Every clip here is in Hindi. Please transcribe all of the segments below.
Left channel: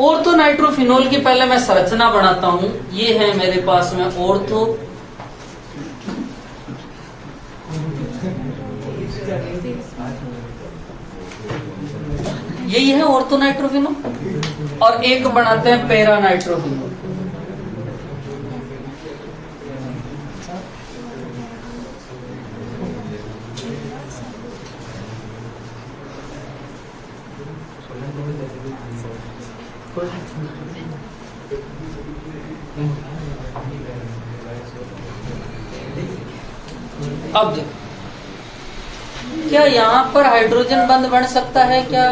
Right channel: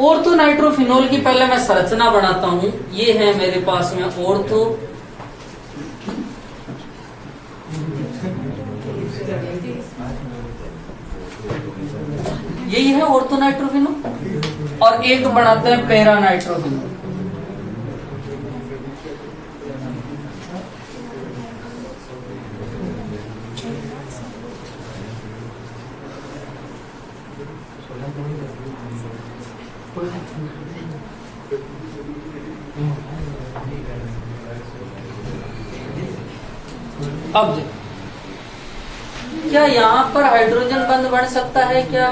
ऑर्थो नाइट्रोफिनोल की पहले मैं संरचना बनाता हूं। ये है मेरे पास में ऑर्थो यही है ऑर्थो नाइट्रोफिनोल, और एक बनाते हैं पैरा नाइट्रोफिनोल। अब देखो, क्या यहाँ पर हाइड्रोजन बंध बन सकता है क्या?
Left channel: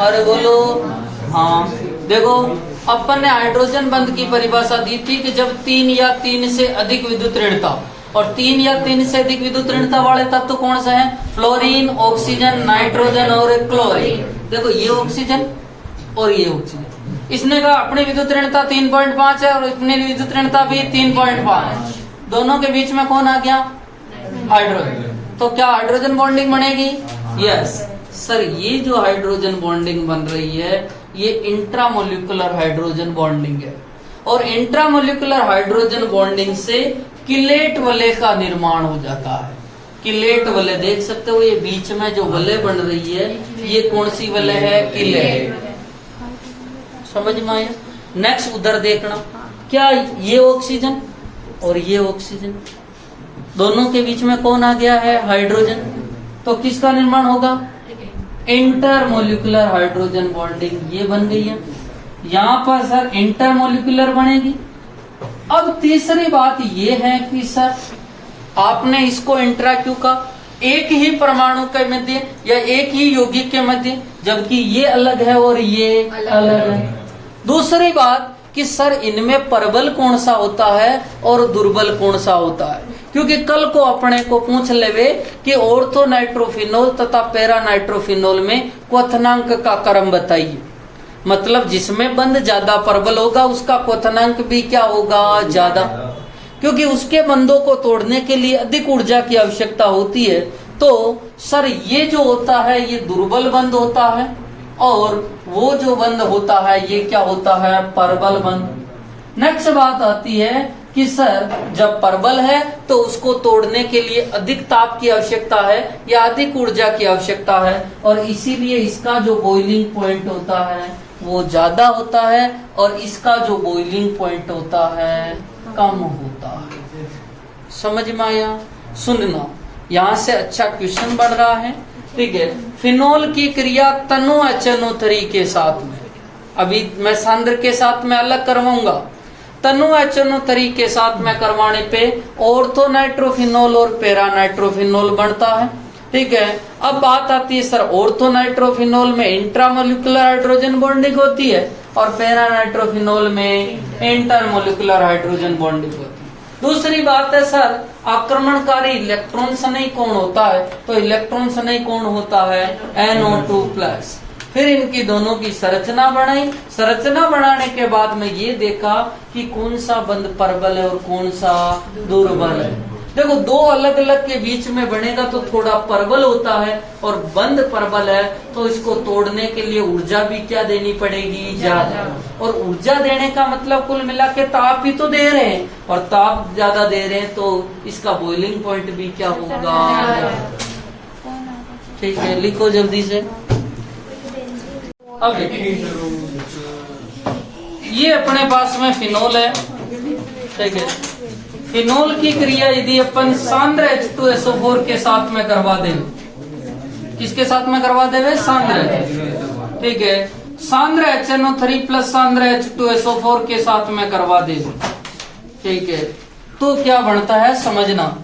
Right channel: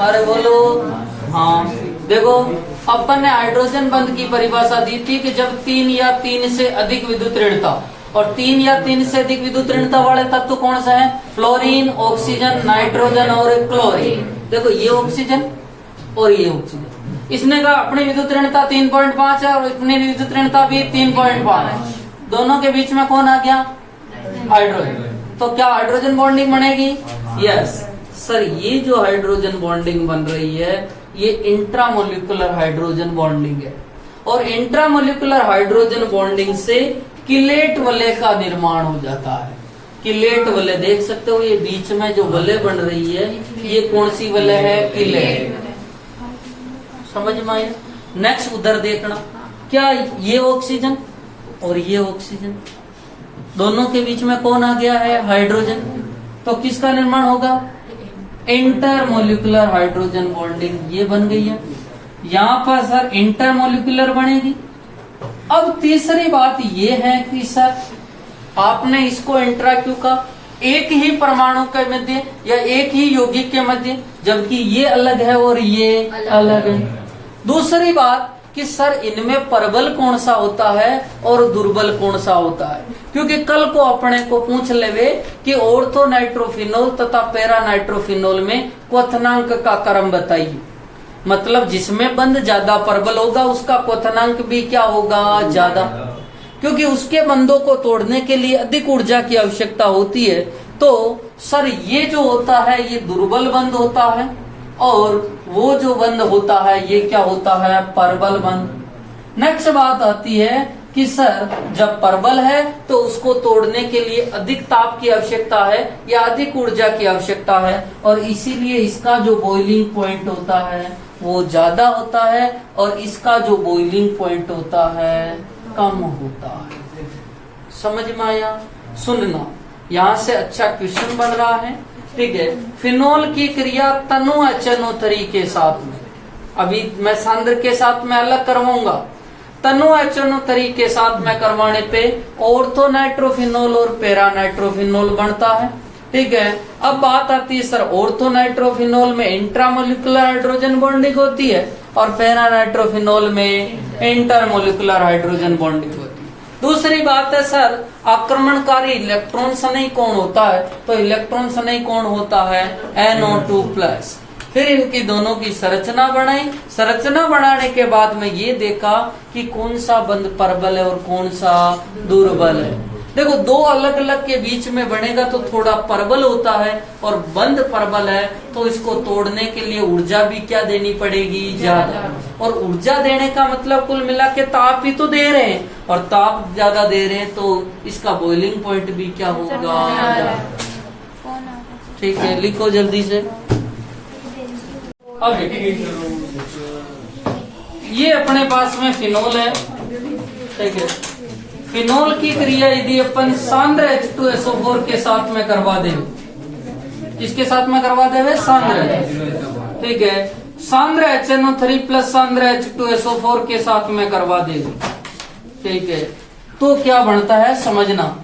अरे बोलो हाँ। देखो, अपन ने हाइड्रोजन बंध की परिभाषा दी थी कि जब 3 या 3 से अधिक विद्युत ऋणता, और 3 या 3 से अधिक विद्युत ऋणता वाले तत्व कौन सा है? फ्लोरीन, ऑक्सीजन, नाइट्रोजन और क्लोरीन। देखो, ये ऑक्सीजन और ये ऑक्सीजन। इसने कहा अपनी विद्युत ऋणता 3.5 है और अपनी विद्युत ऋणता भी 3.5 है। दोनों के बीच में कौन आ गया? हाइड्रोजन। तो क्या हाइड्रोजन बॉन्डिंग बनेगी? यस सर, ये जो हाइड्रोजन बॉन्डिंग बन रही है ये इंट्रामोलिकुलर हाइड्रोजन बॉन्डिंग है, और इंट्रामोलिकुलर हाइड्रोजन बॉन्डिंग से किलेट वलय का निर्माण हो जाता है। किलेट वलय देख सकते हो, ये बीच में जो वलय बन रही है ये कौन सी वलय है? किलेट। समझ में आया? नेक्स्ट उधर देखना, क्या ये ऑक्सीजन और ये ऑक्सीजन, दोनों के बीच में कौन आ गया है? हाइड्रोजन। तो किसका निर्माण होगा? इंटरमोलिकुलर हाइड्रोजन बॉन्डिंग ये बन गई है। यहाँ पर सर इंटरमोलिकुलर बनेगी। अब तीसरी बात ये है कि सर आपने इसको इंट्रा क्यों कहा? एक ही परमाणु के मध्य या एक ही यौगिक के मध्य, जबकि ये अलग है और ये अलग है। दूसरी बात कि सर इनमें प्रबल कौन सा होता है और दुर्बल कौन सा होता है, क्योंकि कल को अपने को पूछ लेवे कि ऑर्थो नाइट्रोफिनोल तथा पैरा नाइट्रोफिनोल में क्वथनांक का क्रम बताइए। मतलब जिसमें बंध ज्यादा प्रबल होगा उसका क्वथनांक भी क्या होगा? ज्यादा, क्योंकि उसके बंधों को तोड़ने के लिए अधिक ऊर्जा की आवश्यकता होती है। तो सर ये जो होता है ये दुर्बल बंध होता है, और वो जो बंध होता है ये क्या होता है? प्रबल बंध। नेक्स्ट बात आती है कि सर जब प्रबल है तो उसको तोड़ने के लिए अधिक ताप की आवश्यकता है या अधिक ऊर्जा की आवश्यकता है, और इसीलिए इसका जो बॉइलिंग पॉइंट होता है वो ज्यादा होता है, और इसका जो बॉइलिंग पॉइंट होता है कम होता है। समझ में आया? सुनना, यहाँ से अच्छा क्वेश्चन बन रहा है। ठीक है, फिनोल की क्रिया तनु HNO3 के साथ में, अभी मैं सांद्र के साथ में अलग करवाऊंगा, तनु HNO3 के साथ में करवाने पे ऑर्थो नाइट्रोफिनोल और पैरा नाइट्रोफिनोल बनता है। ठीक है, अब बात आती है सर ऑर्थो नाइट्रोफिनोल में इंट्रामोलिकुलर हाइड्रोजन बॉन्डिंग होती है और पैरा नाइट्रोफिनोल में इंटरमोलिकुलर हाइड्रोजन बॉन्डिंग होती है। दूसरी बात है सर आक्रमणकारी इलेक्ट्रॉन स्नेही कौन होता है? तो इलेक्ट्रॉन स्नेही कौन होता है? NO2+। फिर इनकी दोनों की संरचना बनाई। संरचना बनाने के बाद में ये देखा कि कौन सा बंध प्रबल है और कौन सा दुर्बल है। देखो, दो अलग अलग के बीच में बनेगा तो थोड़ा प्रबल होता है, और बंध प्रबल है तो इसको तोड़ने के लिए ऊर्जा भी क्या देनी पड़ेगी? ज्यादा। और ऊर्जा देने का मतलब कुल मिला के ताप ही तो दे रहे हैं, और ताप ज्यादा दे रहे हैं तो इसका बॉइलिंग पॉइंट भी क्या होगा? ठीक है, लिखो जल्दी से। अब ये अपने पास में फिनोल है। ठीक है, फिनोल की क्रिया यदि अपन सांद्र H2SO4 के साथ में करवा दे, किसके साथ में करवा देवे? सांद्र। ठीक है, सांद्र HNO3 प्लस सांद्र H2SO4 के साथ में करवा दे। ठीक है, तो क्या बनता है समझना।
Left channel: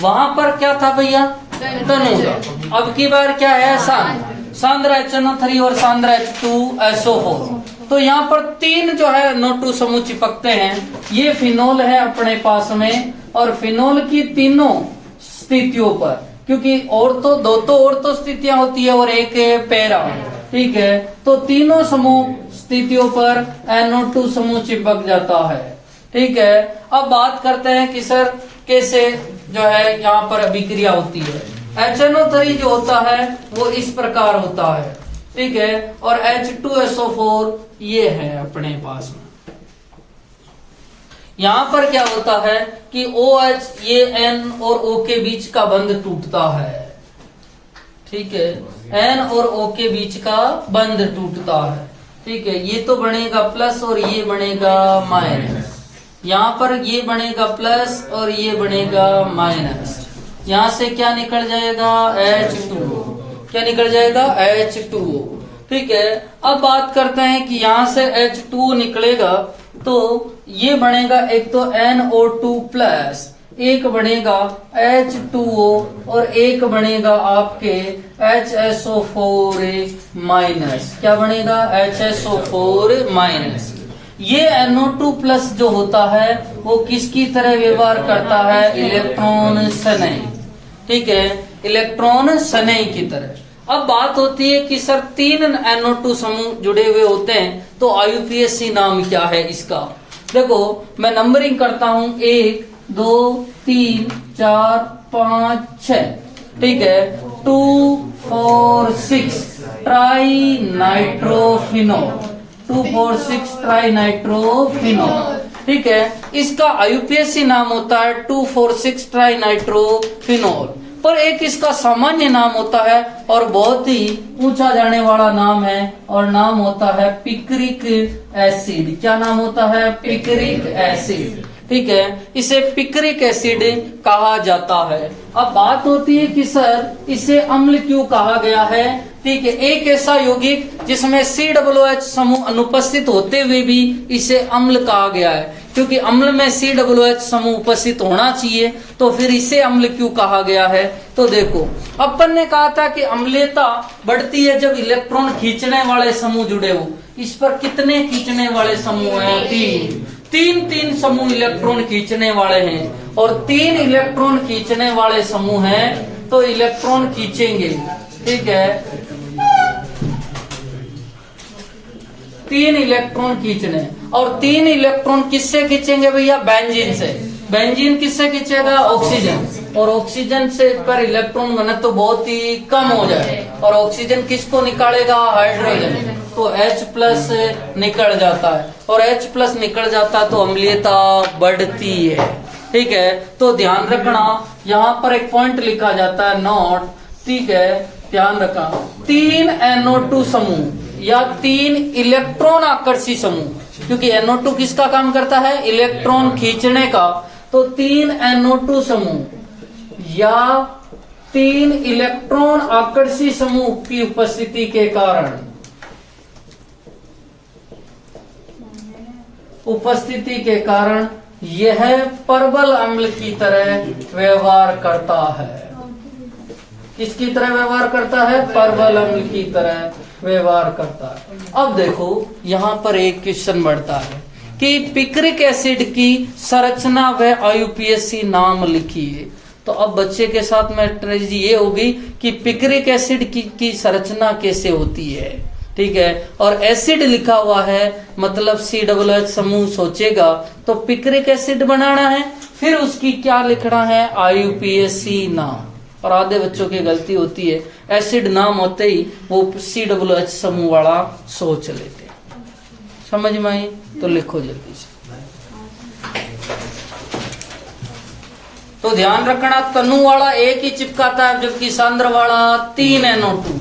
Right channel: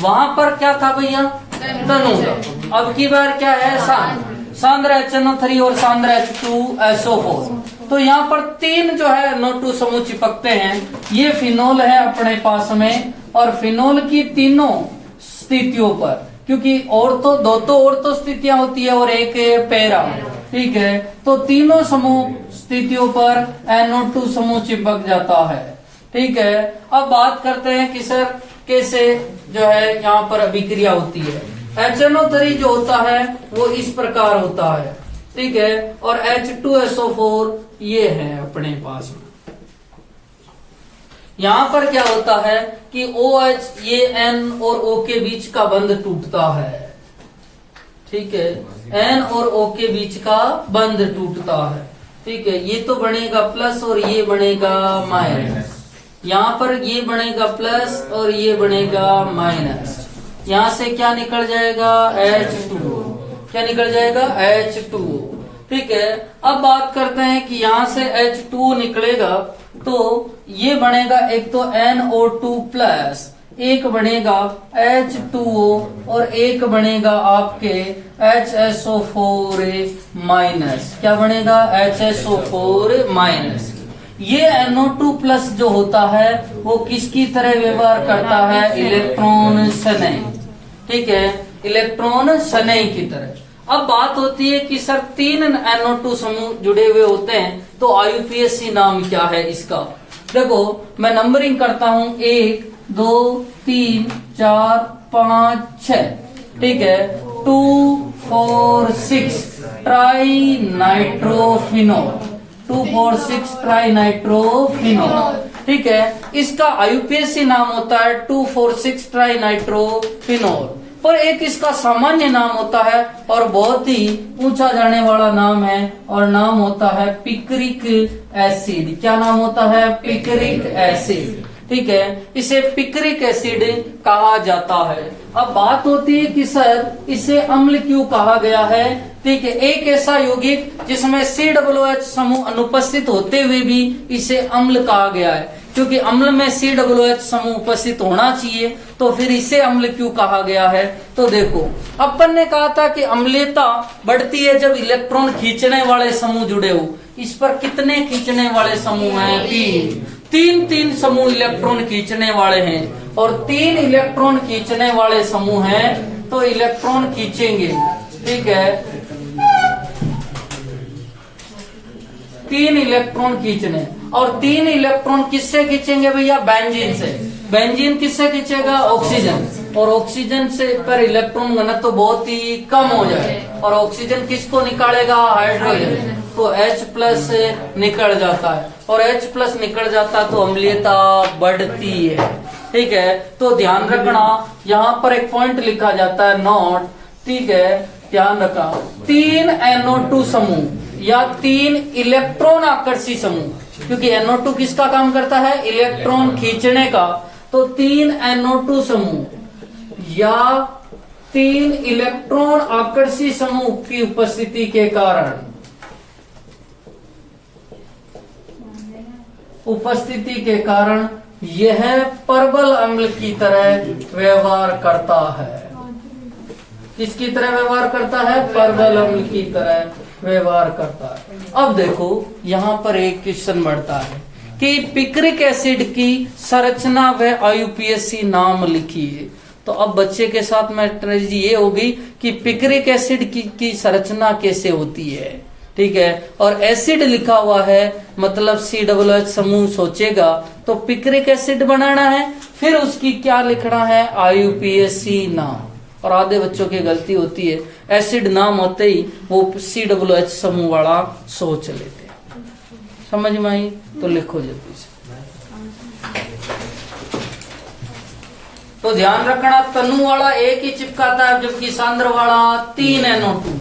वहां पर क्या था भैया? तनु। अब की बार क्या है? सांद्र HNO3 और सांद्र H2SO4। तो यहाँ पर 3 जो है NO2 समूह चिपकते हैं। ये फिनोल है अपने पास में, और फिनोल की तीनों स्थितियों पर, क्योंकि ऑर्थो दो तो ऑर्थो स्थितियां होती है और एक पैरा। ठीक है, तो तीनों समूह स्थितियों पर NO2 समूह चिपक जाता है। ठीक है, अब बात करते हैं कि सर कैसे जो है यहाँ पर अभिक्रिया होती है। HNO3 जो होता है वो इस प्रकार होता है। ठीक है, और H2SO4 ये है अपने पास में। यहां पर क्या होता है कि OH ये N और O के बीच का बंध टूटता है, ठीक है, N और O के बीच का बंध टूटता है, ठीक है। ये तो बनेगा प्लस और ये बनेगा माइनस, यहाँ पर ये बनेगा प्लस और ये बनेगा माइनस। यहाँ से क्या निकल जाएगा H2O, क्या निकल जाएगा H2O, ठीक है। अब बात करते हैं कि यहाँ से H2O निकलेगा तो ये बनेगा एक तो NO2 प्लस, एक बनेगा H2O और एक बनेगा आपके HSO4 माइनस। क्या बनेगा HSO4 माइनस। ये NO2 प्लस जो होता है वो किसकी तरह व्यवहार करता है, इलेक्ट्रॉन शनय, ठीक है, इलेक्ट्रॉन शनय की तरह। अब बात होती है कि सर 3 NO2 समूह जुड़े हुए होते हैं तो IUPAC नाम क्या है इसका। देखो मैं नंबरिंग करता हूं 1 2 3 4 5 6, ठीक है, 2 4 6 ट्राई नाइट्रोफिनोल, 2 4 6 ट्राई नाइट्रोफिनोल, ठीक है। इसका IUPAC नाम होता है 2 4 6 ट्राई नाइट्रोफिनोल। पर एक इसका सामान्य नाम होता है और बहुत ही ऊंचा जाने वाला नाम है, और नाम होता है पिक्रिक एसिड। क्या नाम होता है, पिक्रिक एसिड, ठीक है। इसे पिक्रिक एसिड कहा जाता है। अब बात होती है कि सर इसे अम्ल क्यों कहा गया है, ठीक है। एक ऐसा यौगिक जिसमें COOH समूह अनुपस्थित होते हुए भी इसे अम्ल कहा गया है, क्योंकि अम्ल में COOH समूह उपस्थित होना चाहिए, तो फिर इसे अम्ल क्यों कहा गया है। तो देखो अपन ने कहा था कि अम्लता बढ़ती है जब इलेक्ट्रॉन खींचने वाले समूह जुड़े हो। इस पर कितने खींचने वाले समूह हैं, तीन समूह इलेक्ट्रॉन खींचने वाले हैं, और 3 इलेक्ट्रॉन खींचने वाले समूह हैं तो इलेक्ट्रॉन खींचेंगे, ठीक है, 3 इलेक्ट्रॉन खींचने। और 3 इलेक्ट्रॉन किससे खींचेंगे भैया, बेंजीन से। बेंजीन किससे खींचेगा, ऑक्सीजन, और ऑक्सीजन से पर इलेक्ट्रॉन घनत्व तो बहुत ही कम हो जाए, और ऑक्सीजन किसको निकालेगा, हाइड्रोजन, तो H प्लस निकल जाता है, और H प्लस निकल जाता तो अम्लीयता बढ़ती है, ठीक है। तो ध्यान रखना यहाँ पर एक पॉइंट लिखा जाता है नोट, ठीक है, ध्यान रखा 3 NO2 समूह या 3 इलेक्ट्रॉन आकर्षी समूह, क्योंकि NO2 किसका काम करता है, इलेक्ट्रॉन खींचने का, तो 3 NO2 समूह या 3 इलेक्ट्रॉन आकर्षी समूह की उपस्थिति के कारण, यह परबल अम्ल की तरह व्यवहार करता है। किसकी तरह व्यवहार करता है, परबल अम्ल की तरह व्यवहार करता है। अब देखो यहाँ पर एक क्वेश्चन बढ़ता है कि पिक्रिक एसिड की संरचना व IUPAC नाम लिखिए। तो अब बच्चे के साथ में ट्रेजेडी ये होगी कि पिक्रिक एसिड की संरचना कैसे होती है, ठीक है, और एसिड लिखा हुआ है मतलब COOH समूह सोचेगा तो पिक्रिक एसिड बनाना है, फिर उसकी क्या लिखना है, IUPAC नाम। और आधे बच्चों की गलती होती है, एसिड नाम होते ही वो COOH समूह वाला सोच लेते हैं। समझ में आई, तो लिखो जल्दी से। तो ध्यान रखना तनु वाला एक ही चिपकाता है, जबकि सांद्र वाला 3 NO2।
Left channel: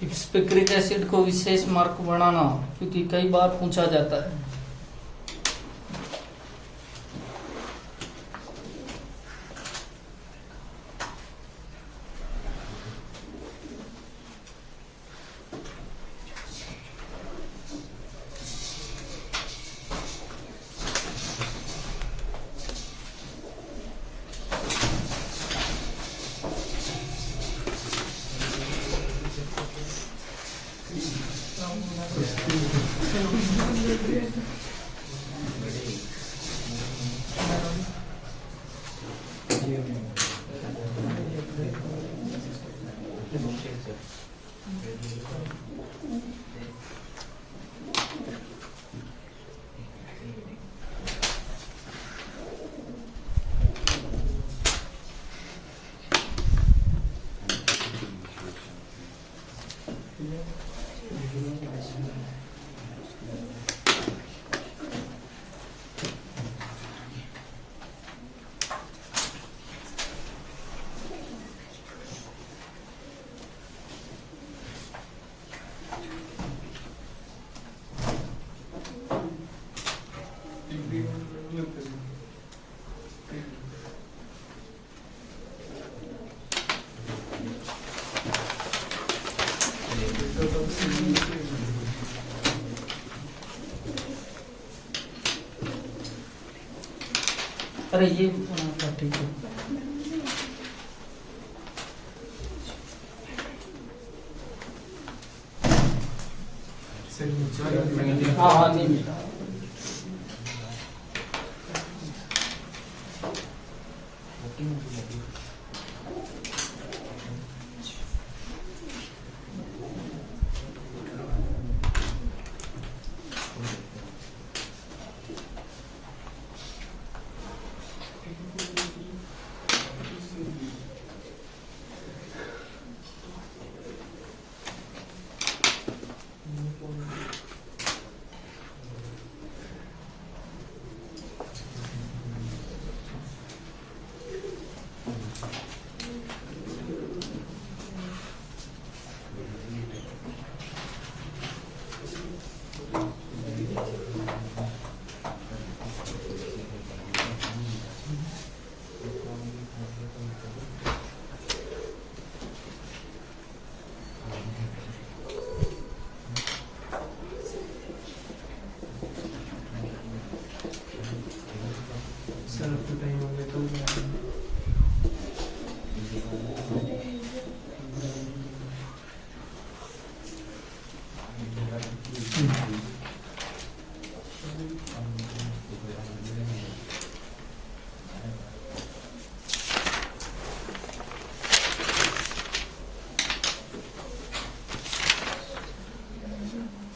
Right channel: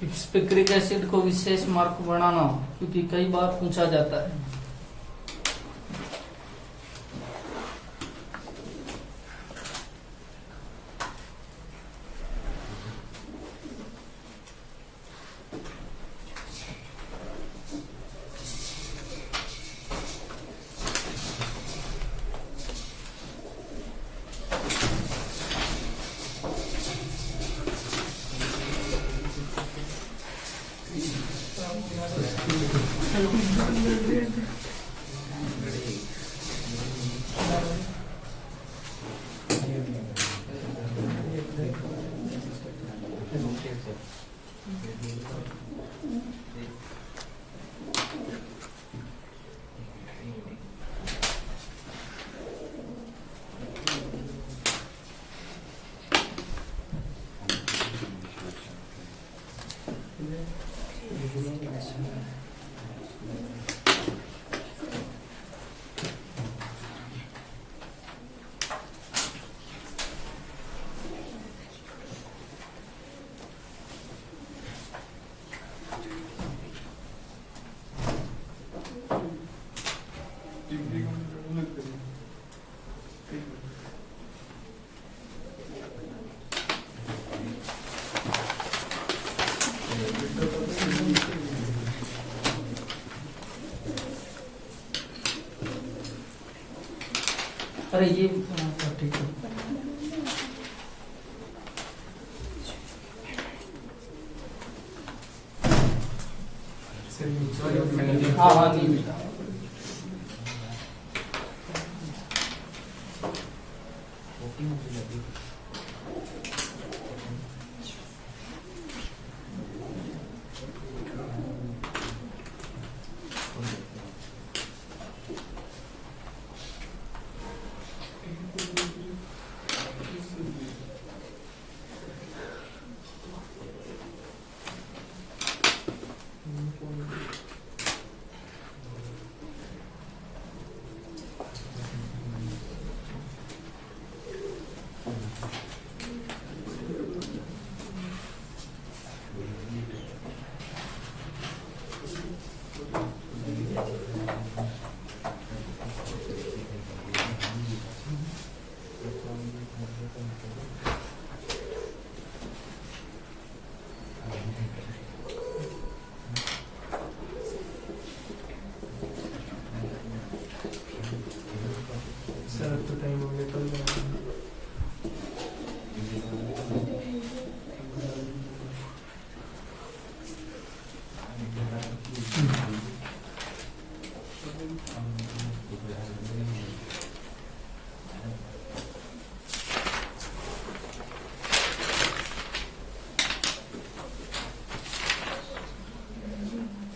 पिक्रिक एसिड को विशेष मार्क बनाना, क्योंकि कई बार पूछा जाता है। अरे ये ठीक है। हाँ हाँ नहीं मिला।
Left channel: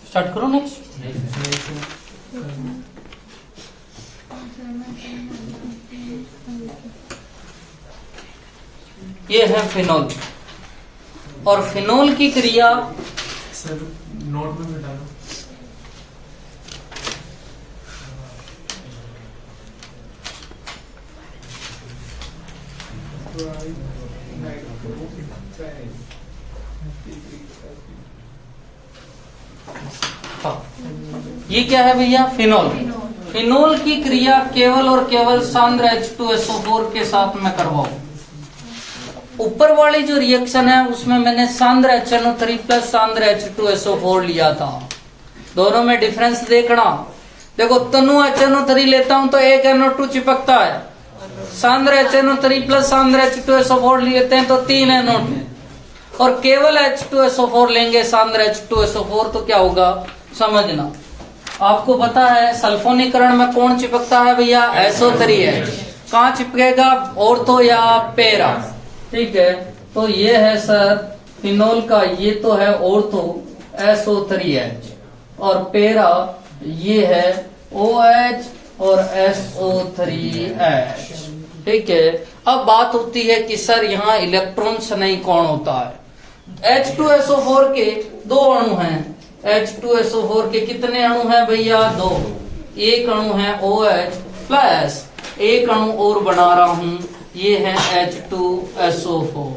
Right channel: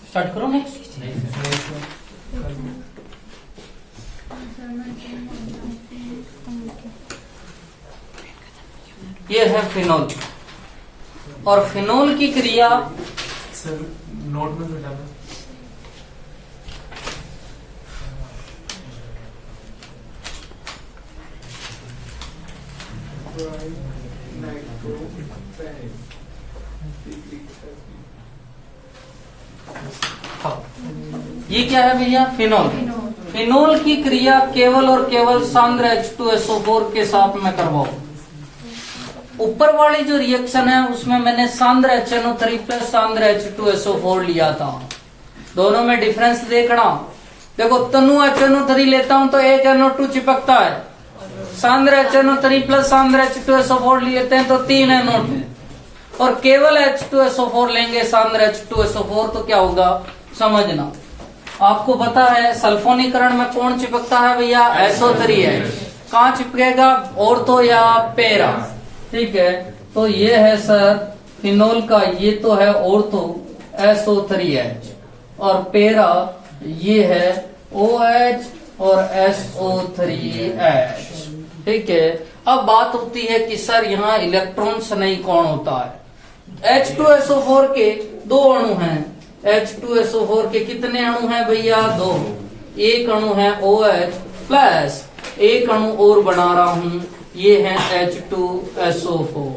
स्टार्ट करो नेक्स्ट। ये है फिनोल, और फिनोल की क्रिया सर नोट में भी डालो। ये क्या है भैया? फिनोल। फिनोल की क्रिया केवल और केवल सांद्र H2SO4 के साथ में करवाओ। ऊपर वाली जो रिएक्शन है उसमें मैंने सांद्र HNO3 प्लस सांद्र H2SO4 लिया था। दोनों में डिफरेंस देखना। देखो तनु HNO3 लेता हूं तो एक NO2 चिपकता है। सांद्र HNO3 प्लस सांद्र H2SO4 लेते हैं तो 3 NO2, और केवल H2SO4 लेंगे सांद्र H2SO4 तो क्या होगा समझना। आपको पता है सल्फोनीकरण में कौन चिपकता है भैया? SO3H। कहाँ चिपकेगा? ऑर्थो या पेरा। ठीक है, तो ये है सर फिनोल का, ये तो है ऑर्थो SO3H, और पेरा ये है OH और SO3H। ठीक है, अब बात होती है कि सर यहाँ इलेक्ट्रॉन स्नेही कौन होता है? H2SO4 के 2 अणु हैं। H2SO4 के कितने अणु हैं भैया? 2। एक अणु है OH प्लस एक अणु और बना रहा हूं, ये है H2SO4।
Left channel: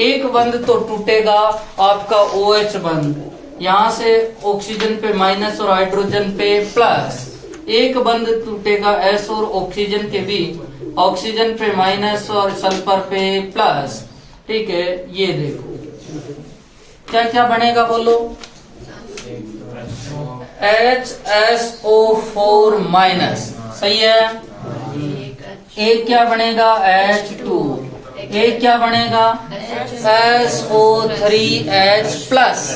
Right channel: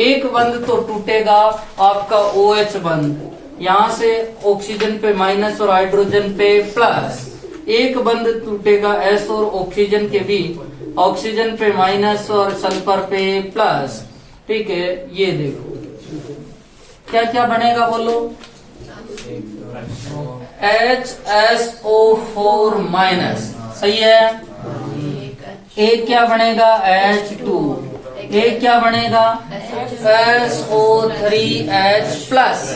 एक बंद तो टूटेगा आपका OH बंद, यहाँ से ऑक्सीजन पे माइनस और हाइड्रोजन पे प्लस, एक बंद टूटेगा S और ऑक्सीजन के बीच, ऑक्सीजन पे माइनस और सल्फर पे प्लस। ठीक है, ये देखो क्या क्या बनेगा बोलो, HSO4 माइनस, सही है। एक क्या बनेगा H2, एक क्या बनेगा SO3H प्लस,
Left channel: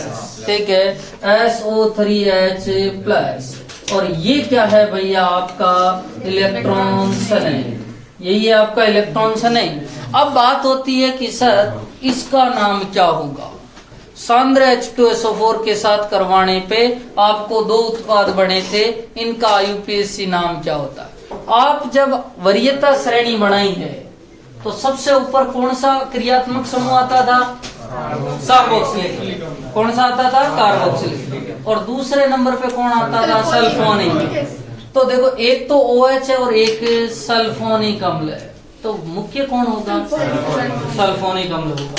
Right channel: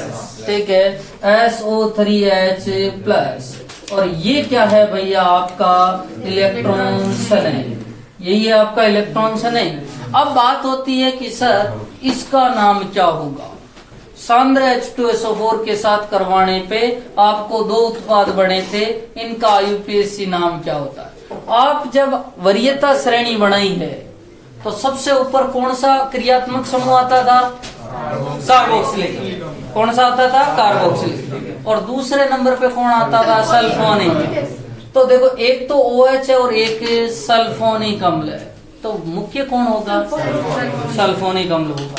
ठीक है, SO3H प्लस। और ये क्या है भैया आपका इलेक्ट्रॉन शनई, यही है आपका इलेक्ट्रॉन शनई। अब बात होती है कि सर इसका नाम क्या होगा। सांद्र H2SO4 के साथ करवाने पे आपको 2 उत्पाद बने थे, इनका IUPAC नाम क्या होता है। आप जब वरीयता श्रेणी बनाई है तो सबसे ऊपर कौन सा क्रियात्मक समूह आता था, कार्बोक्सिलिक। कौन सा आता था, कार्बोक्सिलिक। और दूसरे नंबर पे कौन आता था, सल्फोनिक। तो देखो एक तो OH है और एक सल्फोनिक अम्ल है, तो मुख्य कौन होगा, सल्फोनिक अम्ल होगा।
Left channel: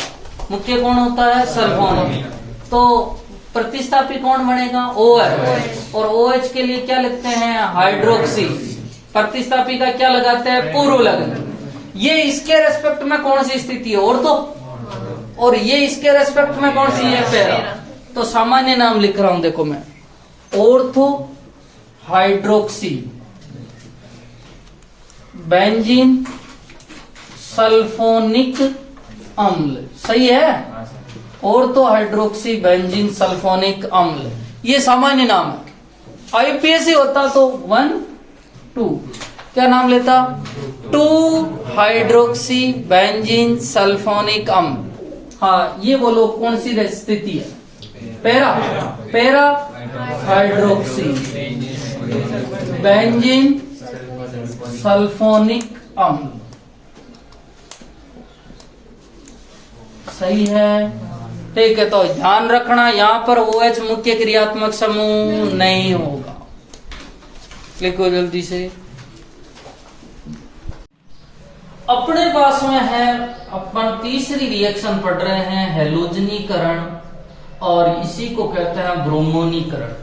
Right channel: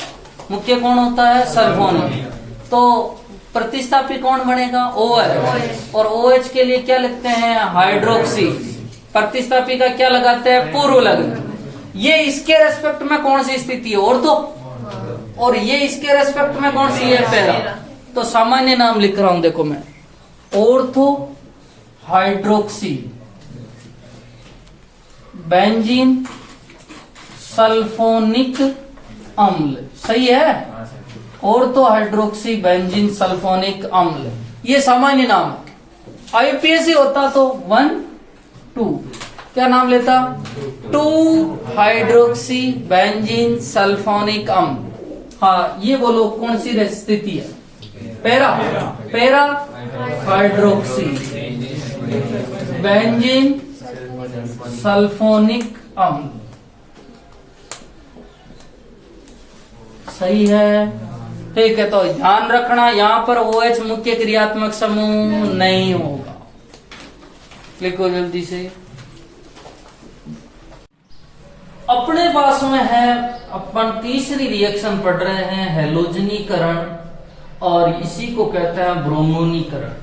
मुख्य कौन होता है, सल्फोनिक। तो प्रतिस्थापी कौन बनेगा, OH। और OH के लिए क्या लिखते हैं, हाइड्रोक्सी। प्रतिस्थापी का क्या लगाते हैं, पूर्व लग्न। ये इसके रेस्पेक्ट में कौन सी स्थिति है, और ये इसके रेस्पेक्ट में कौन सी है, पैरा। तो सामान्य नाम लिख रहा हूं, देखो मैं, ऑर्थो हाइड्रोक्सी बेंजीन सल्फोनिक अम्ल, सही है। ऑर्थो हाइड्रोक्सी बेंजीन सल्फोनिक अम्ल, ये सामान्य नाम है। IUPAC होता तो 1 2, क्या नाम लेता, 2 हाइड्रोक्सी बेंजीन सल्फोनिक अम्ल। हाँ, ये बोलो कौन सी स्थिति है, पैरा हाइड्रोक्सी बेंजीन सल्फोनिक अम्ल, सही है। ठीक है, तो ध्यान रखना यहाँ पर OH मुख्य क्रियात्मक समूह नहीं होगा। लिखो जल्दी से। अपने पास में है, अपन तीसरी रिएक्शन पढ़ रहे हैं, हैलोजनीकरण, और इसी को कहते हैं ब्रोमोनीकरण।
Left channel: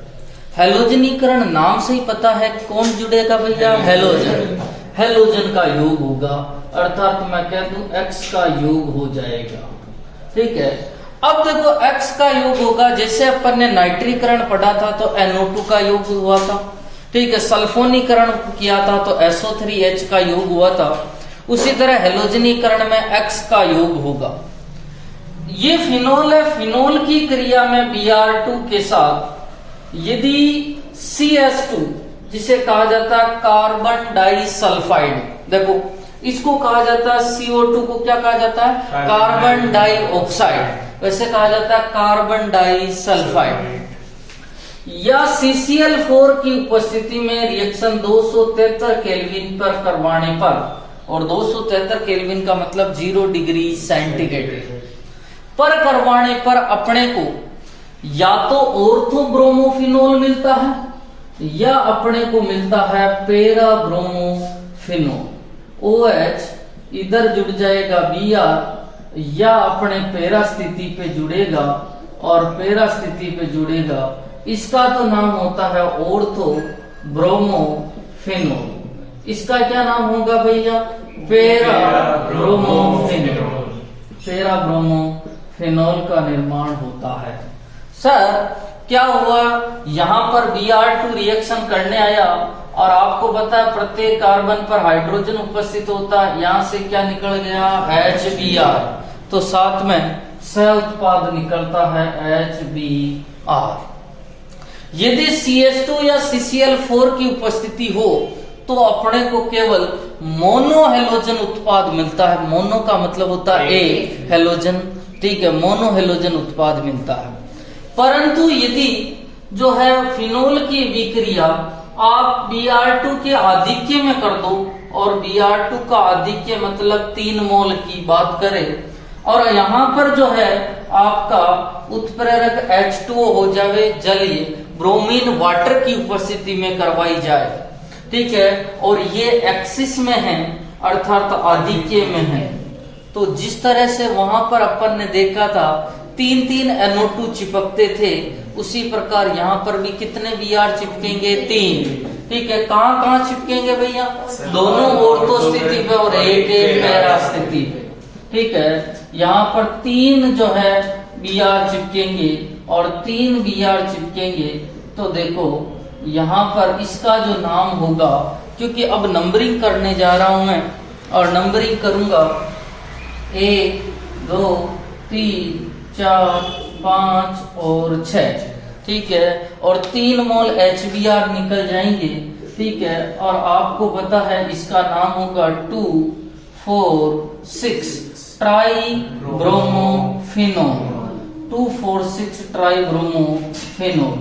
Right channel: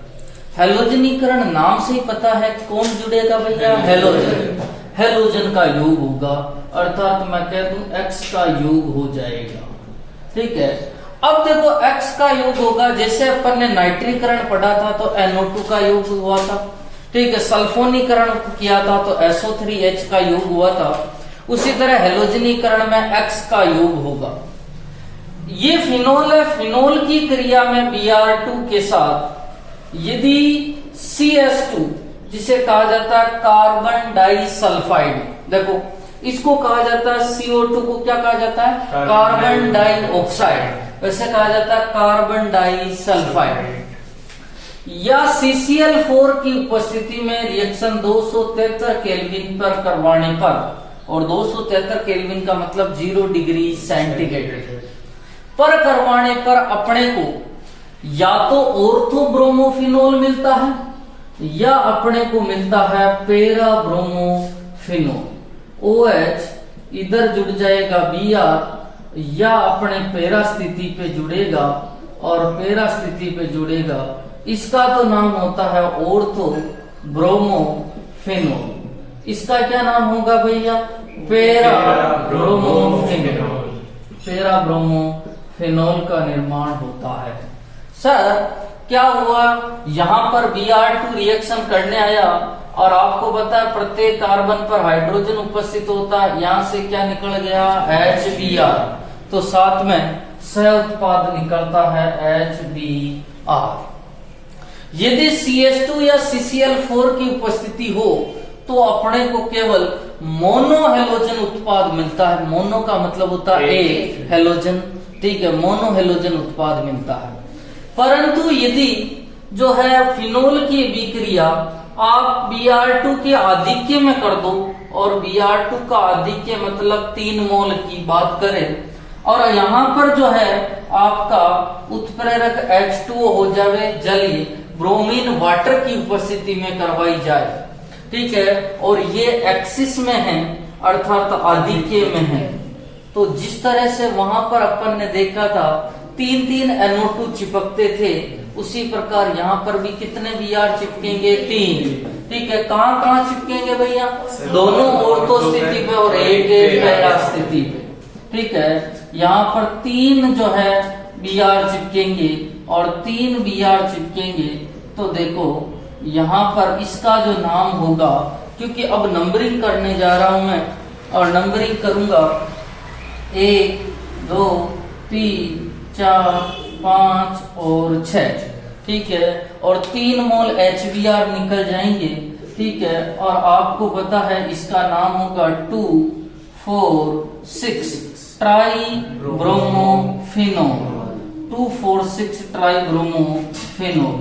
हैलोजनीकरण नाम से ही पता है कौन जुड़ेगा भैया, हैलोजन। हैलोजन का योग होगा, अर्थात मैं कह दूं X का योग हो जाएगा। ठीक है, अब देखो X का योग होगा, जैसे अपन ने नाइट्रीकरण पढ़ा था तो NO2 का योग हुआ था। ठीक है, सल्फोनीकरण किया था तो SO3H का योग हुआ था। उसी तरह हैलोजनीकरण में X का योग होगा। ये फिनोल है, फिनोल की क्रिया में Br2 के साथ यदि CS2, जिसे कहा जाता है कार्बन डाइसल्फाइड, देखो इसको कहा जाता है CO2 को क्या कहा जाता है, कार्बन डाइऑक्साइड, वैसे कहा जाता है कार्बन डाइसल्फाइड। या CCl4 की उपस्थिति में रिएक्शन 273 केल्विन पर करवाने पर, और 273 केल्विन का मतलब 0 डिग्री सेंटीग्रेड पर करवाने पर अपने को या तो ऑर्थोब्रोमोफिनोल मिलता है या अपने को मिलता है पैरा ब्रोमोफिनोल। OH इधर जुड़ जाएगा Br, या अपने पैरा स्थिति पे जुड़ेगा और पैरा स्थिति पे जुड़ेगा, इसका तो नाम होता है ऑर्थो ब्रोमोफिनोल। इसका क्या नाम होगा भैया, पैरा ब्रोमोफिनोल। पैरा ब्रोमोफिनोल का निर्माण होता है। सर क्या हुआ, यहाँ पर Br2 रिएक्शन करने आया और आपको पता है प्रत्येक कार्बन पर हाइड्रोजन उपस्थित होता है, यहाँ से क्या निकल गया, HBr, तो साथ में सह उत्पाद निकलता है HBr। यदि CH2 या CCl4 की उपस्थिति हो तो अपने को केवल मोनो हेलोजन उत्पाद मिलता है। मोनो का मतलब होता है एक हेलोजन, ठीक है, मोनो हेलोजन उत्पाद मिलता है। परंतु यदि जो है फिनोल की विक्रिया आप Br2 के आधिक्य में कर दो, और Br2 का आधिक्य मतलब 3 मोल की बात करें, और यहाँ पर जो है आपका उत्प्रेरक H2O हो जाए, जलीय ब्रोमीन वाटर की उपस्थिति में करवाई जाए, ठीक है, और ये एक्सिस में है अर्थात आधिक्य में है, तो जिस तरह से वहां पर अपन ने देखा था 3 NO2 चिपकते थे, उसी प्रकार यहाँ पर भी कितने Br चिपकेंगे? 3। ठीक है, कहाँ कहाँ चिपकेंगे भैया? दोनों ऑर्थो स्थिति पे और एक पैरा स्थिति पे। ठीक है, यहाँ पर 3 जो है Br चिपकेंगे और 3 Br चिपकेंगे। तो देखो यहाँ पर इसका जो नाम होगा, क्योंकि अब नंबरिंग करने जा रहा हूं मैं और नंबरिंग करूंगा 1 2 3 4 5 और 6। ठीक है, और 3 मोल HBr निकल जाएंगे। ठीक है, और आपको पता है इसका नाम होगा 2,4,6 ट्राई ब्रोमोफिनोल। 2,4,6 try bromophenol.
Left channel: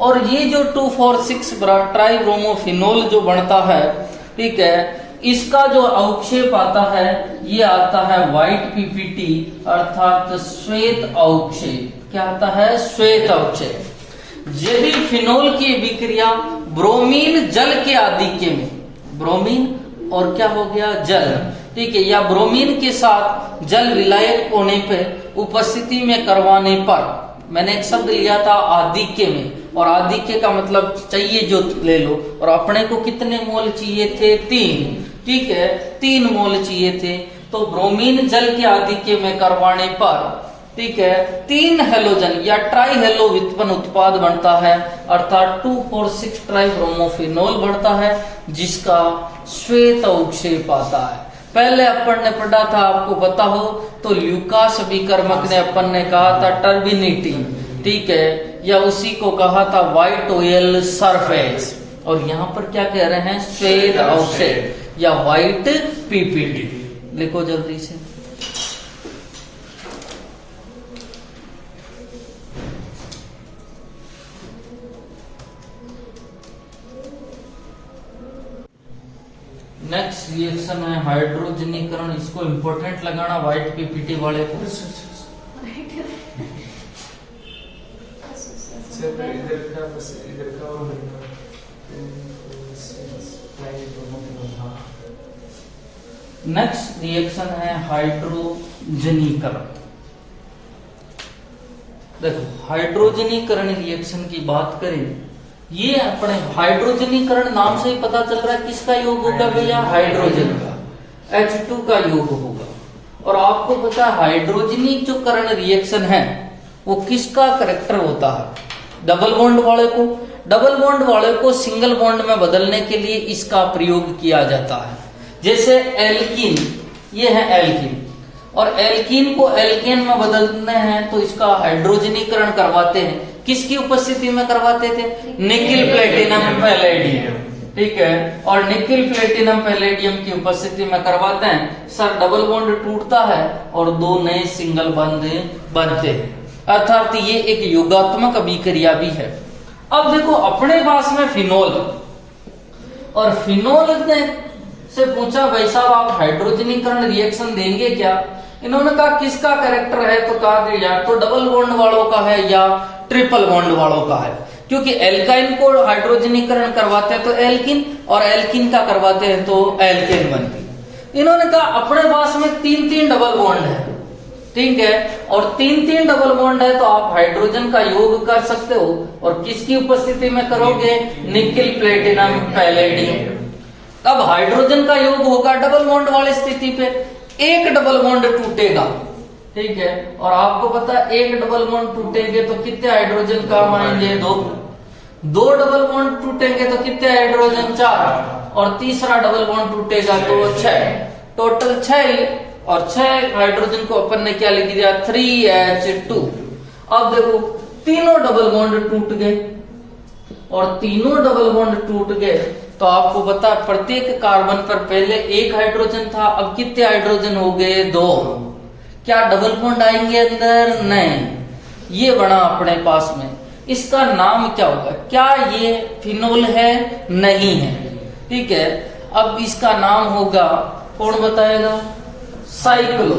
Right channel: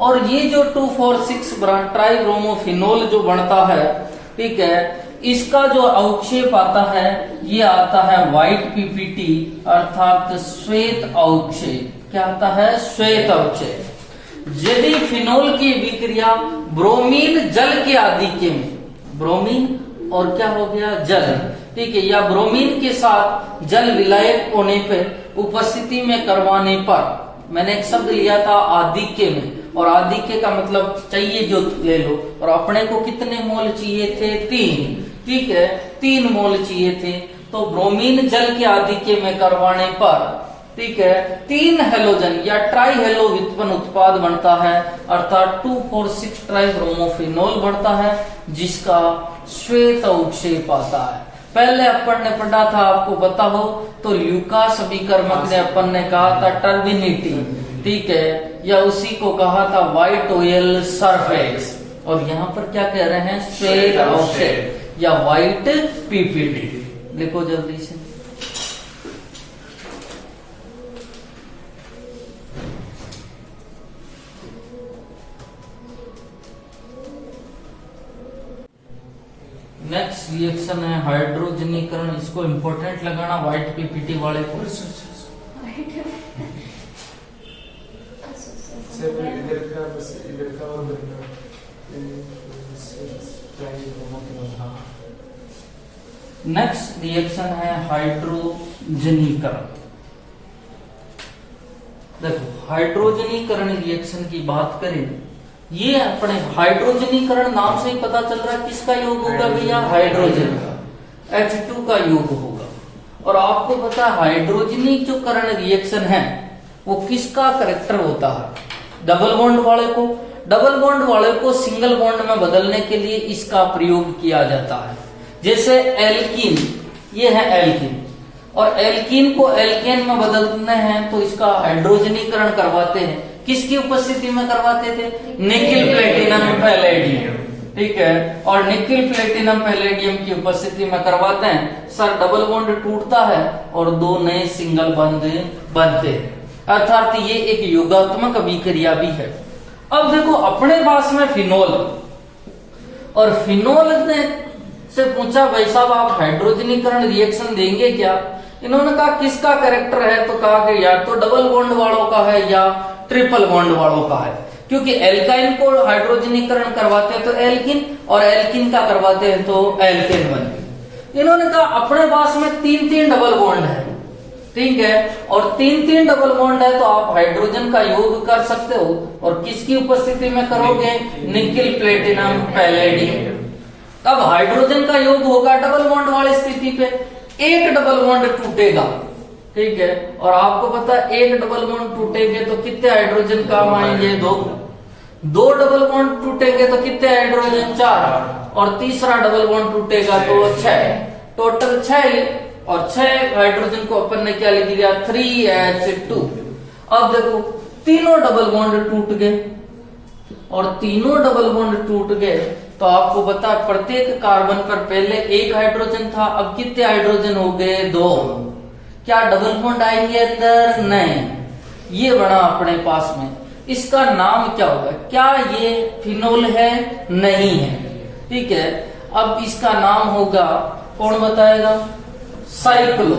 और ये जो 2,4,6 ट्राई ब्रोमोफिनोल जो बनता है, ठीक है, इसका जो अवक्षेप आता है ये आता है व्हाइट पीपीटी अर्थात श्वेत अवक्षेप। क्या आता है? श्वेत अवक्षेप। यदि फिनोल की विक्रिया ब्रोमीन जल के आधिक्य में, ब्रोमीन और क्या हो गया? जल। ठीक है, या ब्रोमीन के साथ जल विलायक होने पर उपस्थिति में करवाने पर, मैंने एक शब्द लिया था आधिक्य में, और आधिक्य का मतलब चाहिए जो ले लो, और अपने को कितने मोल चाहिए थे? 3। ठीक है, 3 मोल चाहिए थे। तो ब्रोमीन जल के आधिक्य में करवाने पर, ठीक है, 3 हेलोजन या ट्राई हेलो व्युत्पन्न उत्पाद बनता है, अर्थात 2,4,6 ट्राई ब्रोमोफिनोल बढ़ता है, जिसका श्वेत अवक्षेप आता है। पहले अपन ने पढ़ा था, आपको पता हो तो ल्यूकास अभिकर्मक ने अपन ने कहा था टर्बिनिटी। ठीक है, या उसी को कहा था व्हाइट ऑयल सरफेस, और यहाँ पर क्या कह रहे हैं? श्वेत अवक्षेप या व्हाइट पीपीटी। लिखो जल्दी से। नेक्स्ट रिएक्शन है हाइड्रोजनीकरण। इसको इंपॉर्टेंट लगाना व्हाइट पीपीटी वाले को। नेक्स्ट रिएक्शन है हाइड्रोजनीकरण। देखो हाइड्रोजनीकरण रिएक्शन की बात करें, ये अपने हाइड्रोजनीकरण नाम से ही पता चल रहा है किसका योग होगा भैया? हाइड्रोजन का, H2 का योग होगा। और आपको पता है हाइड्रोजनीकरण रिएक्शन है वो किसका करेक्टर होता है? डबल बॉन्ड वाले को। डबल बॉन्ड वाले को सिंगल बॉन्ड में बदलने के लिए इसका प्रयोग किया जाता है। जैसे एल्कीन, ये है एल्कीन, और एल्कीन को एल्केन में बदलने हैं तो इसका हाइड्रोजनीकरण करवाते हैं। किसकी उपस्थिति में करवाते थे? Nickel platinum palladium. ठीक है, और निकिल प्लेटिनम पैलेडियम की उपस्थिति में करवाते हैं। सर डबल बॉन्ड टूटता है और 2 नए सिंगल बॉन्ड बनते हैं, अर्थात ये एक योगात्मक अभिक्रिया भी है। अब देखो अपने पास में फिनोल, और फिनोल ने से पूछा भाई साहब आप हाइड्रोजनीकरण रिएक्शन देंगे क्या? इन्होंने कहा किसका कैरेक्टर है? तो कहा कि या तो डबल बॉन्ड वालों का है या ट्रिपल बॉन्ड वालों का है, क्योंकि एल्काइन को हाइड्रोजनीकरण करवाते हैं तो एल्किन, और एल्किन का करवाते हैं तो एल्केन बनते हैं। इन्होंने कहा अपने पास में 3 डबल बॉन्ड है, ठीक है, और 3 डबल बॉन्ड है तो आप हाइड्रोजन का योग कर सकते हो, और किसकी उपस्थिति में करोगे? Nickel platinum palladium. अब हाइड्रोजन का योग होगा डबल बॉन्ड वाली स्थिति पे, एक डबल बॉन्ड टूटेगा, ठीक है, और आपको पता है एक डबल बॉन्ड टूटेंगे तो कितने हाइड्रोजन काम आएंगे? 2 डबल बॉन्ड टूटेंगे तो कितने हाइड्रोजन? 4, और तीसरा डबल बॉन्ड टूटेगा तो 6, टोटल 6, और 6 हाइड्रोजन को अपन ने क्या लिख दिया? 3H2। अब देखो तीनों डबल बॉन्ड टूट गए, और तीनों डबल बॉन्ड टूट गए तो आपको पता है प्रत्येक कार्बन पर पहले 1 हाइड्रोजन था, अब कितने हाइड्रोजन हो गए? 2। क्या डबल बॉन्ड आएंगे अंदर? नहीं। ये बना अपने पास में, इसका नाम क्या होगा? क्या ये फिनोल है? नहीं है, ठीक है। अब इसका नाम होगा, कौन बताएगा? साइक्लो।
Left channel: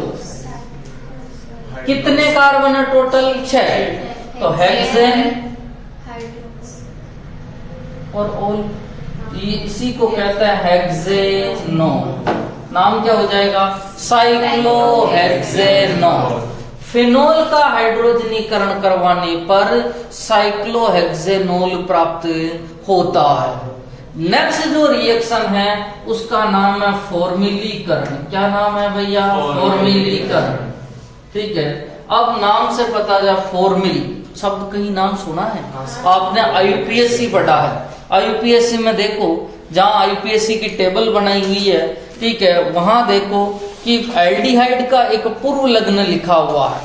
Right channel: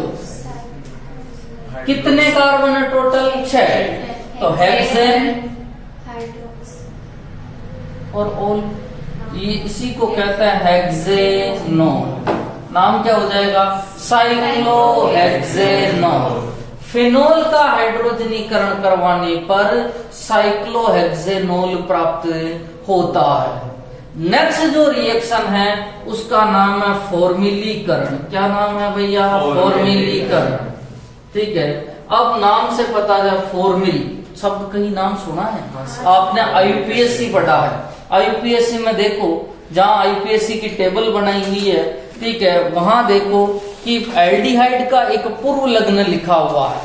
कितने कार्बन है टोटल? 6, तो हेक्सेन और ऑल, ये इसी को कहता है हेक्सेनोन। नाम क्या हो जाएगा, साइक्लोहेक्सेनॉल। फिनोल का हाइड्रोजनीकरण करवाने पर साइक्लोहेक्सेनॉल प्राप्त होता है। नेक्स्ट जो रिएक्शन है उसका नाम है फॉर्मिलीकरण। क्या नाम है भैया, फॉर्मिलीकरण। ठीक है, अब नाम से पता है फॉर्मिल शब्द कहीं नाम सुना है, आपने आईपीएससी पढ़ा है। आईपीएससी में देखो, जहां आईपीएससी की टेबल बनाई हुई है, ठीक है, वहां देखो कि एल्डिहाइड का एक पूर्व लग्न लिखा हुआ है।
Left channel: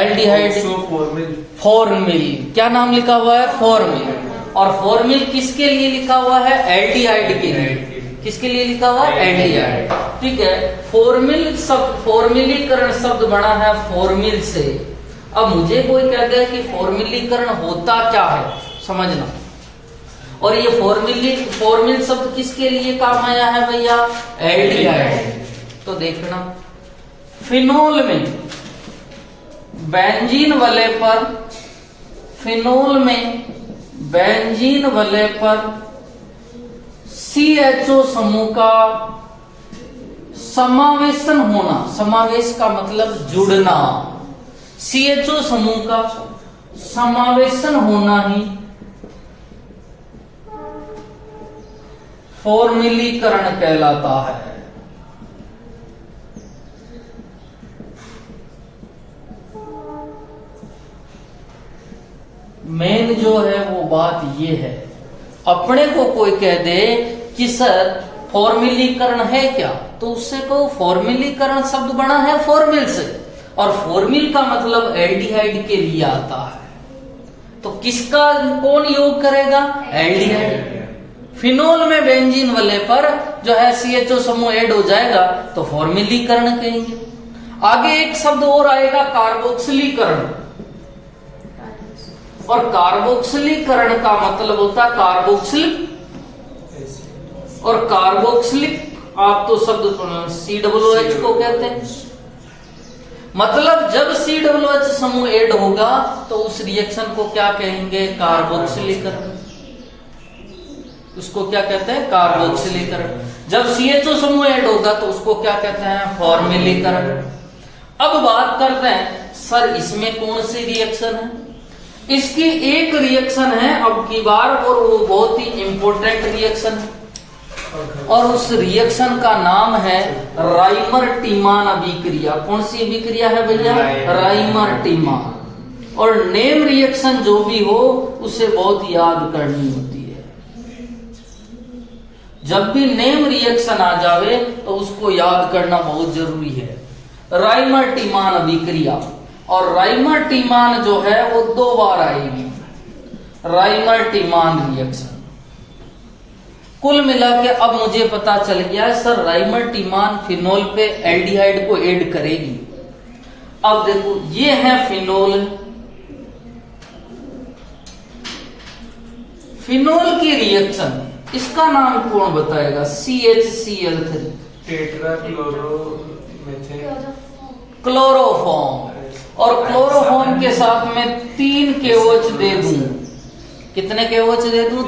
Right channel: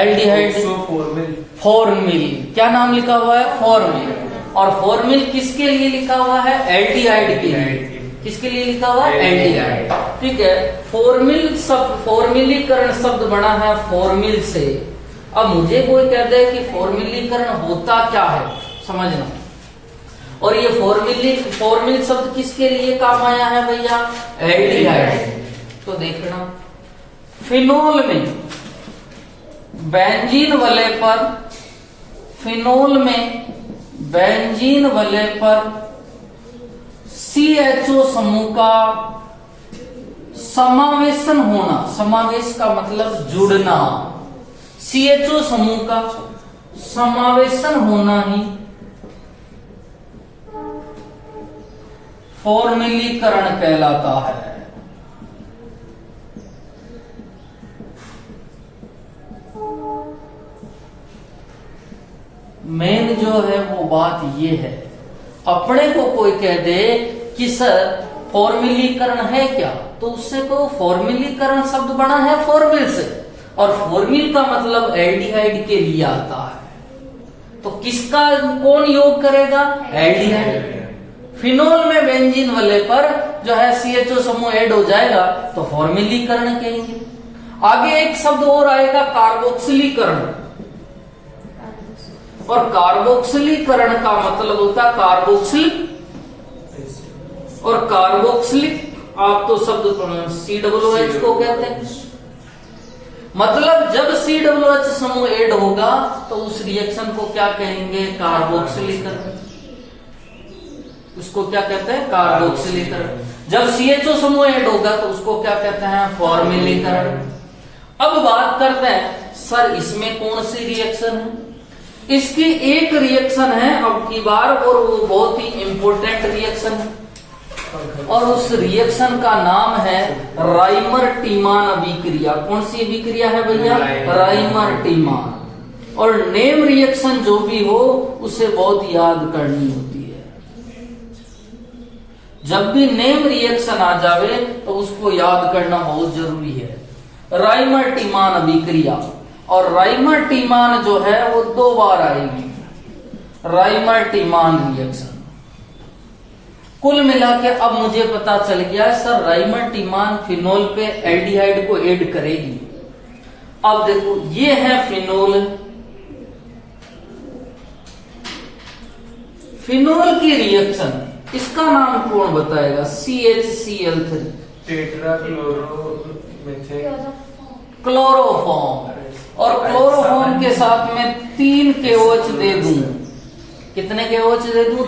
एल्डिहाइड फॉर्मिल, क्या नाम लिखा हुआ है, फॉर्मिल। और फॉर्मिल किसके लिए लिखा हुआ है, एल्डिहाइड के लिए। किसके लिए लिखा हुआ है, एल्डिहाइड। ठीक है, फॉर्मिल शब्द, फॉर्मिलीकरण शब्द बना है फॉर्मिल से। अब मुझे कोई कह दे कि फॉर्मिलीकरण होता क्या है, समझना। और ये फॉर्मिल शब्द किसके लिए काम आया है भैया, एल्डिहाइड। तो देखना, फिनोल में बेंजीन वलय पर, फिनोल में बेंजीन वलय पर CHO समूह का समावेशन होना, समावेश का मतलब जुड़ना, CHO समूह का समावेशन होना ही फॉर्मिलीकरण कहलाता है। मेन जो है वो बात ये है, अपने को कोई कह दे कि सर फॉर्मिलीकरण है क्या, तो उससे को फॉर्मिलीकरण शब्द बना है फॉर्मिल से, और फॉर्मिल का मतलब एल्डिहाइड के लिए आता है। तो किसका कौन योग करेगा, एल्डिहाइड। फिनोल में बेंजीन वलय पर जो है CHO समूह ऐड हो जाएगा तो फॉर्मिलीकरण कहेंगे। आगे एक शब्द और आएगा, कार्बोक्सिलीकरण। और कार्बोक्सिलीकरण का मतलब होता है कार्बोक्सिलिक, और कार्बोक्सिलिक आप तो शब्द COOH को कहते हैं। मतलब जब COOH समूह ऐड होगा तो उस रिएक्शन को क्या कहेंगे, कार्बोक्सिलीकरण। उसको क्या कहते हैं, कार्बोक्सिलीकरण। जब CHO समूह ऐड होगा तो उसको क्या कहते हैं, फॉर्मिलीकरण। अब बात करते हैं सर इसमें कौन सी रिएक्शन है। इसकी एक रिएक्शन है अब की बार, और वो बहुत ही इंपॉर्टेंट रिएक्शन है, और उस रिएक्शन का नाम है राइमर-टीमान अभिक्रिया। कौन सी अभिक्रिया है भैया, राइमर-टीमान। और नेम रिएक्शन जो भी हो उसे बहुत याद करनी होती है। जब भी नेम रिएक्शन आ जावे तो उसको याद करना बहुत जरूरी है। राइमर-टीमान अभिक्रिया, और राइमर-टीमान जो है वो 2 बार आएगी, राइमर-टीमान रिएक्शन। कुल मिला के अब मुझे पता चल गया सर राइमर-टीमान फिनोल पे एल्डिहाइड को ऐड करेगी। अब देखो ये है फिनोल, फिनोल की रिएक्शन, इसका नाम कौन बताएगा, CHCl3, क्लोरोफॉर्म। और क्लोरोफॉर्म के साथ में 3 KOH दे दूं, कितने KOH दे दूं,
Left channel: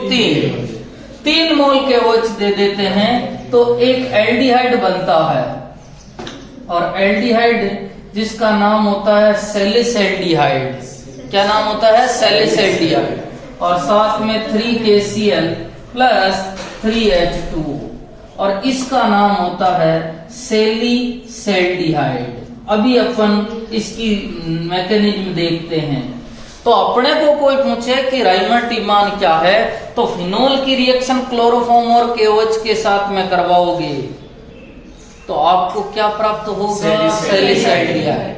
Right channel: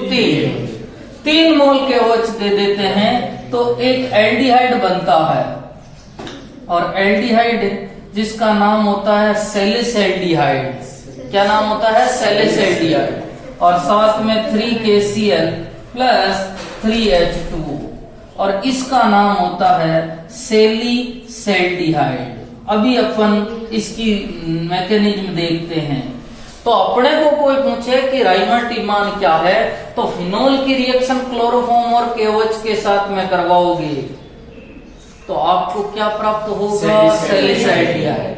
3 मोल KOH दे देते हैं तो एक एल्डिहाइड बनता है। और एल्डिहाइड जिसका नाम होता है सैलिसल्डिहाइड। क्या नाम होता है, सैलिसल्डिहाइड। और साथ में 3KCl प्लस 3H2, और इसका नाम होता है सैलिसल्डिहाइड। अभी अपन इसकी मैकेनिज्म देखते हैं। तो अपने को कोई पूछे कि राइमर-टीमान क्या है, तो फिनोल की रिएक्शन क्लोरोफॉर्म और KOH के साथ में करवाओगे तो आपको क्या प्राप्त होगा, सैलिसल्डिहाइड।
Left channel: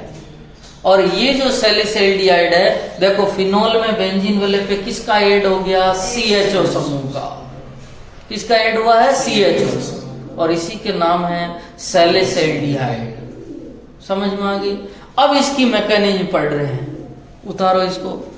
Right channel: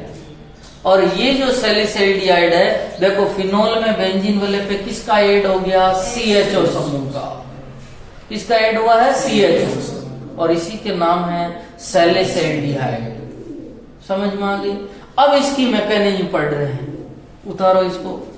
और ये जो सैलिसल्डिहाइड है, देखो फिनोल में बेंजीन वलय पे किसका ऐड हो गया, CHO समूह का। किसका ऐड हुआ है, CHO, और इसी के नाम है सैलिसल्डिहाइड। समझ में आ गई। अब इसकी मैकेनिज्म पढ़ रहे हैं, उतारो इसको।